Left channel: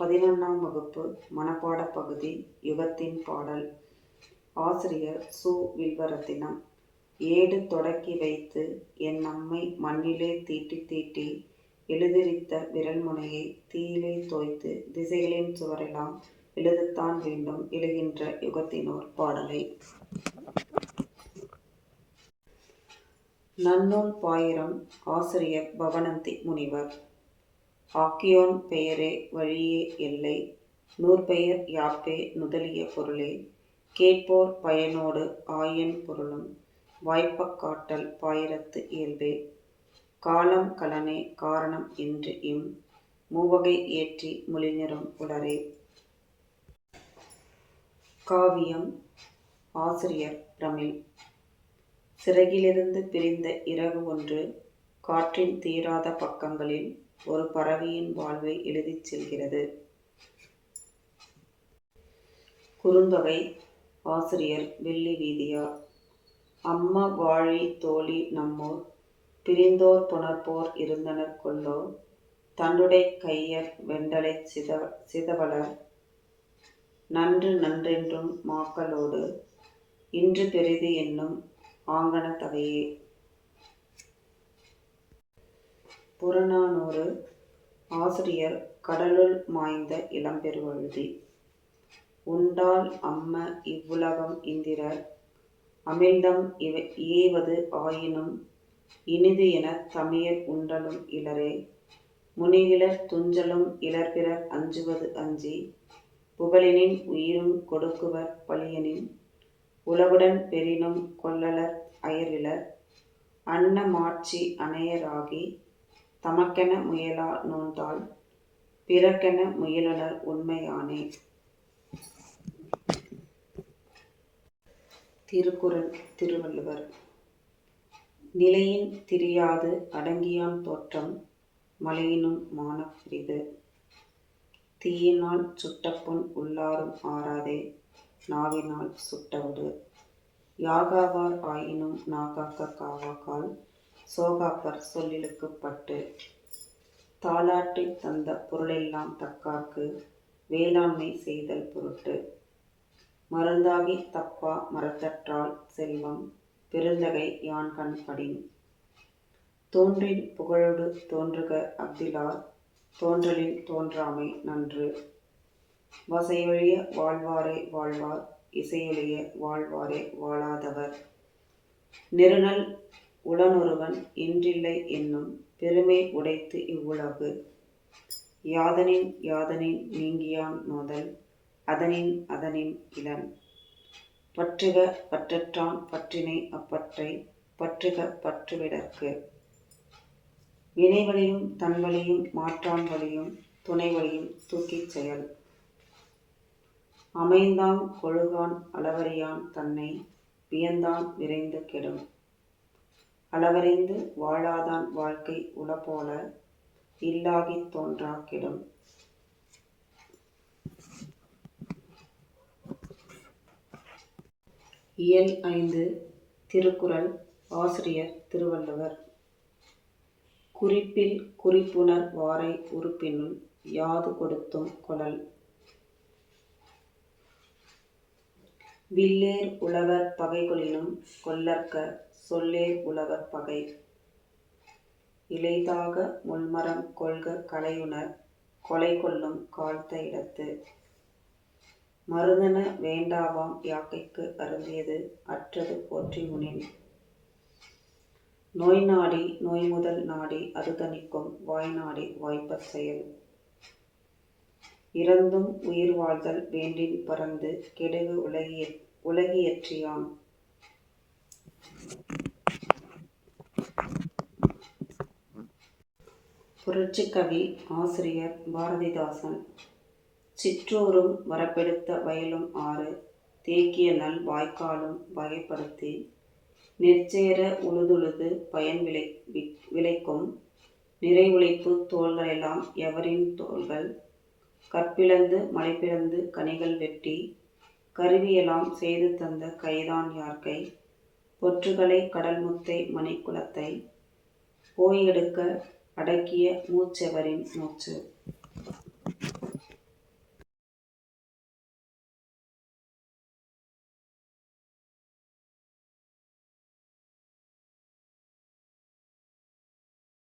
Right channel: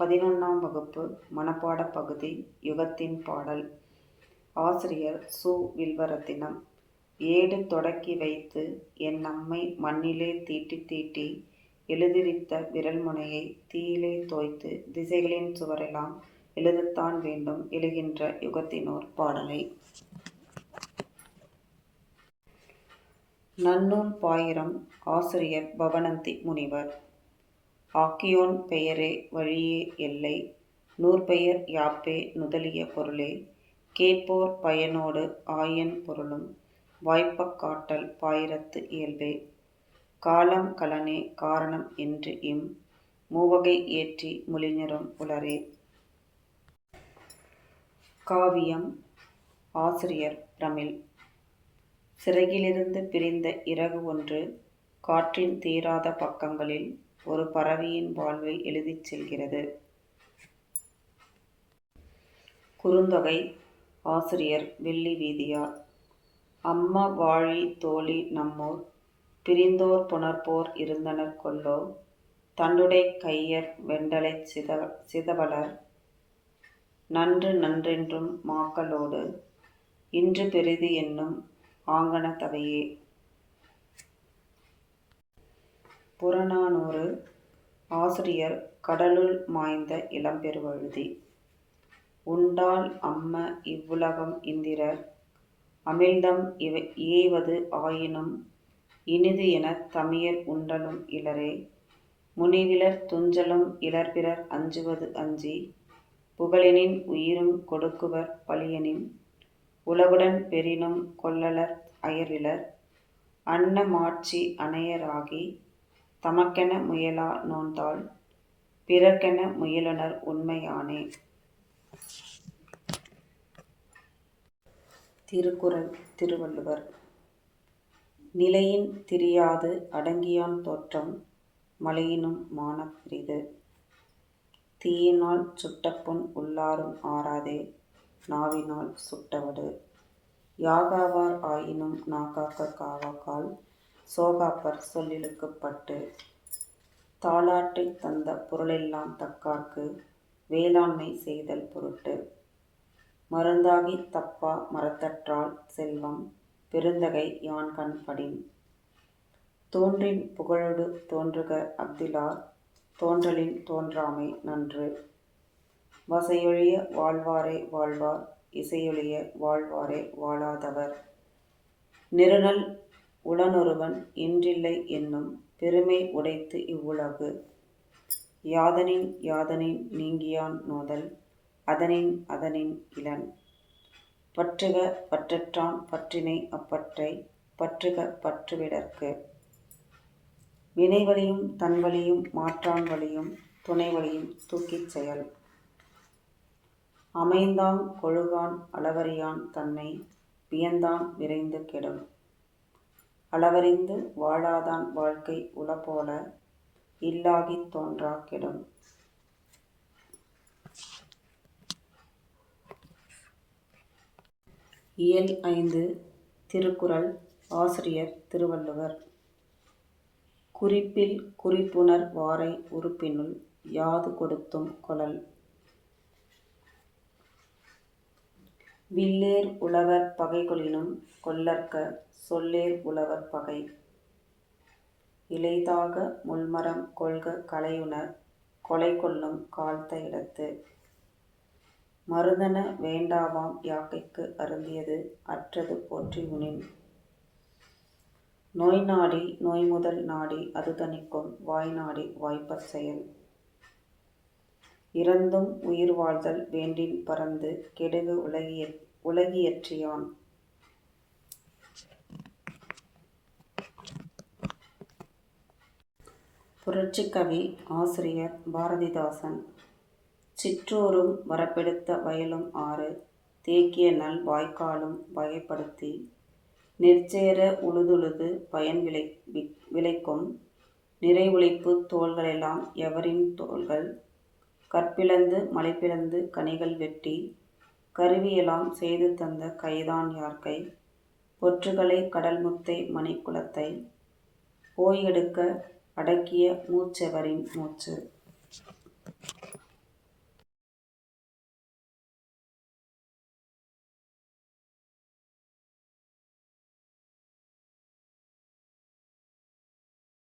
பதினொன்றாம் வகுப்பு மனப்பாட பகுதி யுகத்தின் பாடல். ஆசிரியர் சு. வில்வரத்தினம் ஏடு தொடக்கி வைத்து என் அம்மை மண்ணிலே தீட்டி தீட்டி எழுதிரித்த விரல்முனையை தீயிலே தோய்த்து திசைகளின் சுவரெல்லாம் எழுதத்தான் வேண்டும் எழுகின்ற யுகத்தினோர் பாடலை. நன்னூல் பாயிரம் ஆசிரியர் பவனந்தி முனிவர். ஆக்கியோன் பெயரே வழியே எல்லை. நூற்பெயர் யாப்பே நுதலிய பொருளே. கேட்போர் பயனோடு ஆயன் பொருளும். வாய்ப்பக் காட்டல் பாயிரத்து இயல்பே. காலம் கலனே காரணம் என்று இம். மூவகை ஏற்றி மொழிஞரும் புலரே காவியம் ஆசிரியர் பிரமிழ் சிறகிலிருந்து பிரிந்த இறகு ஒன்று காற்றின் தீராத பக்கங்களில் ஒரு பறவையின் வாழ்வை எழுதிச் செல்கிறது. குறுந்தொகை ஆசிரியர் வெள்ளி வீதியார். அம்மா வாழி தோழி நம்மோர். பிரிந்தோர் புணர்போர் இருந்தனர் கொல்லோ தன்னுடைய கையர் வெண்டலைச் சித சிதவலர் நன்று நன்றென்றும் மாக்களோடு. இன்று பெரிது என்னும் ஆங்கன தவையே. புறநானூறு ஆசிரியர் கடலுள் மாய்ந்த இளம்பெருவழுதி உண்டால் அம்ம இவ்வுலகம் இந்திரர். அமிழ்தம் இவ ஏவது ஆயினும் இனிது எனத் தமியர் உண்டலும் இளரே முனிகிலர் துஞ்சலும் இளர்பிறர் அஞ்சுவது அஞ்சி. புகழினின் உயிரும் கொடுக்குவர் பழியனின். உலகுடன் பெறினும் கொள்ளலர் அயர்விலர் அன்னமாட்சி அணையராகி தமக்கென முயலா நோன்தாள் பிறக்கென முயலுனர் உண்மையானே. திருக்குறள் திருவள்ளுவர். நிலையின் திரியாது அடங்கியான் தோற்றம் மலையினும் மானப்பிரிது. தீயினால் சுட்டப்புண் உள்ளாரும் ஆறாதே நாவினால் சுட்டவடு. யாகாவார் ஆயினும் நாகாக்க காவாக்கால் சோகாப்பர் சொல்லிழுக்கப்பட்டு பட்டு தந்த பொருளெல்லாம் தக்கார்க்கு வேளாண்மை செய்தல் பொருட்டு மருந்தாகித் தப்பா மரத்தற்றால் செல்வம் பெருந்தகை யான்கண் படின் தோன்றின் புகழொடு தோன்றுக அஃதிலார் தோன்றலின் தோன்றாமை நன்று. வசையொழிய வாழ்வாரே வாழ்வார் இசையொழிய வாழ்வாரே வாழாதவர். நிருணல் உடனொருவன் இன்றில்லை என்னும் பெருமை உடைத்து இவ்வுலகு. யாதனின் யாதனின் நீங்கியான் நோதல் அதனின் அதனின் இளன். பற்றுக பற்றற்றான் பற்றினை அப்பற்றை பற்றுக பற்றுவிடற்கு. வினைவழியும் தன்வழியும் மாற்றான் வழியும் துணைவழியும் தூக்கிச் செயல். அமைந்தான் கொழுகான் அளவறியான் தன்னை வியந்தான் விரைந்து கெடும். அளவறிந்து வாழாதான் வாழ்க்கை உளப்போல இல்லாகித் தோன்றா கெடும் இயல் ஐந்து திருக்குறள் ஆசிரியர் திருவள்ளுவர். குறிப்பில் குறிப்புணர் வாரை உறுப்பினுள் யாது கொடுத்தும் கொளல். வில்லேர் உழவர் பகைகளிலும் கொல்லற்க சொல்லேர் உழவர் பகை. இலைதாக முள்மரம் கொள்க கலையுணர் கொலை கொள்ளும் காழ்த்த இடத்து. மருதன வேண்டாவாம் யாக்கைக்கு அருந்தியது அற்றது போற்றி முனின். நோய் நாடி நோய் முதல் நாடி அது தணிக்கும் வாய் நாடி வாய்ப்பச் செயல். இறந்தும் உயிர் வாழ்தல் வேண்டின் பறந்து கெடுகு உலகிய உலகியற்றியான் புரட்சிக்கவி ஆசிரியர் பாரதிதாசன் சிற்றூரும் வரப்பெடுத்த வயலும் ஆறு தேக்கிய நல் வாய்க்காலும் வகைப்படுத்தி நெற்சேர உழுதுழுது பயன் விளை விளைக்கும் நிறைவுழைப்பு தோள்களெல்லாம் எவரின் தோள்கள் கற்பிழந்து மலைப்பிழந்து கனிகள் வெட்டி கருவியெல்லாம் செய்து தந்த கைதான் யார்கை? பொற்றுகளை கடல் முத்தை மணிக்குளத்தை போய் எடுக்க அடக்கிய மூச்செவரின் மூச்சு.